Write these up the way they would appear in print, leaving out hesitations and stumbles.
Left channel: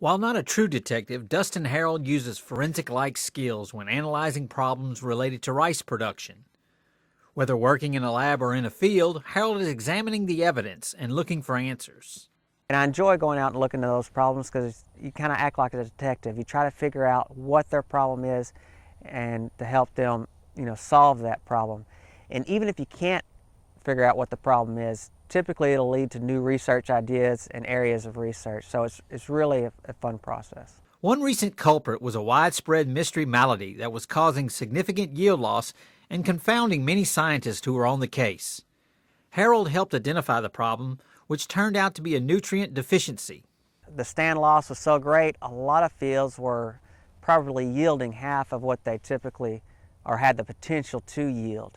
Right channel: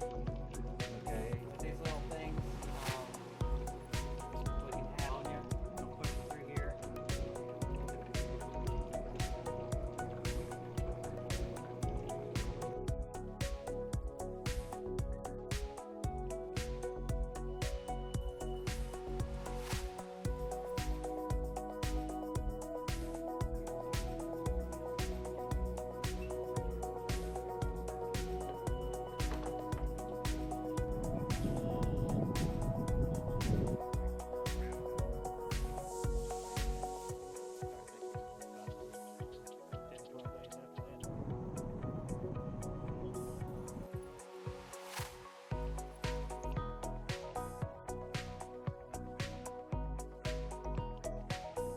While not a true detective, Dustin Harrell uses forensic-like skills when analyzing problems related to rice production. Whether working in a lab or in a field, Harrell is examining the evidence and looking for answers. And I enjoy going out and looking at those problems because you kind of act like a detective. You try to figure out what their problem is and to help them, solve that problem. And even if you can't figure out what the problem is, typically it'll lead to new research ideas and areas of research. So it's really a fun process. One recent culprit was a widespread mystery malady that was causing significant yield loss and confounding many scientists who were on the case. Harrell helped identify the problem, which turned out to be a nutrient deficiency. The stand loss was so great, a lot of fields were probably yielding half of what they typically or had the potential to yield.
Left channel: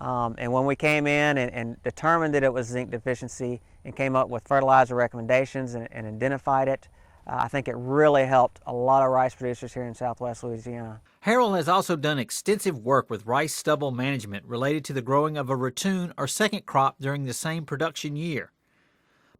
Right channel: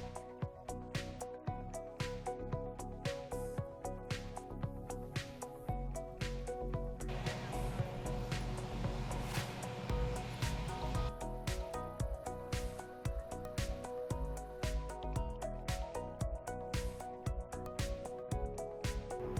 And when we came in and determined that it was zinc deficiency and came up with fertilizer recommendations and identified it, I think it really helped a lot of rice producers here in Southwest Louisiana. Harrell has also done extensive work with rice stubble management related to the growing of a ratoon or second crop during the same production year.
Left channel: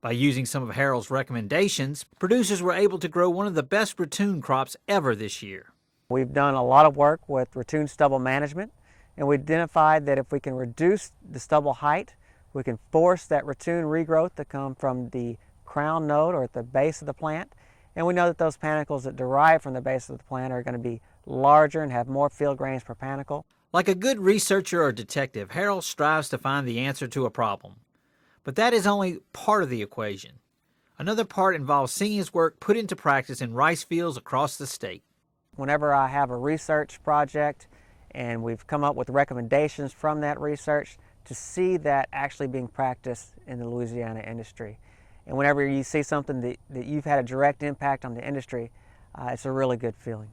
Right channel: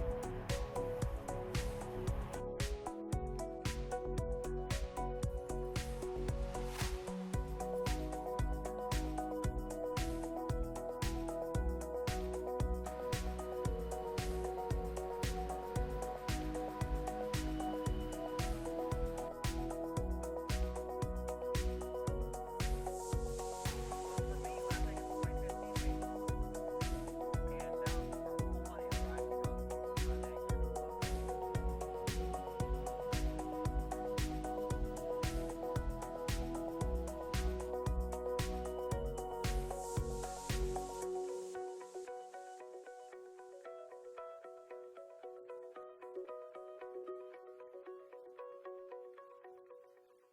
By using some of Harrell's recommendations, producers were able to grow one of the best ratoon crops ever this year. We've done a lot of work with ratoon stubble management, and we identified that if we can reduce the stubble height, we can force that ratoon regrowth to come from the crown node or at the base of the plant. And we know that those panicles that derive from the base of the plant are going to be larger and have more field grains per panicle. Like a good researcher or detective, Harrell strives to find the answer to a problem. But that is only part of the equation. Another part involves seeing his work put into practice in rice fields across the state. Whenever I have a research project and we've come up with recommendations from that research, to see that actually being practiced in the Louisiana industry. And whenever you see something that you've had a direct impact on the industry, it's a really good feeling.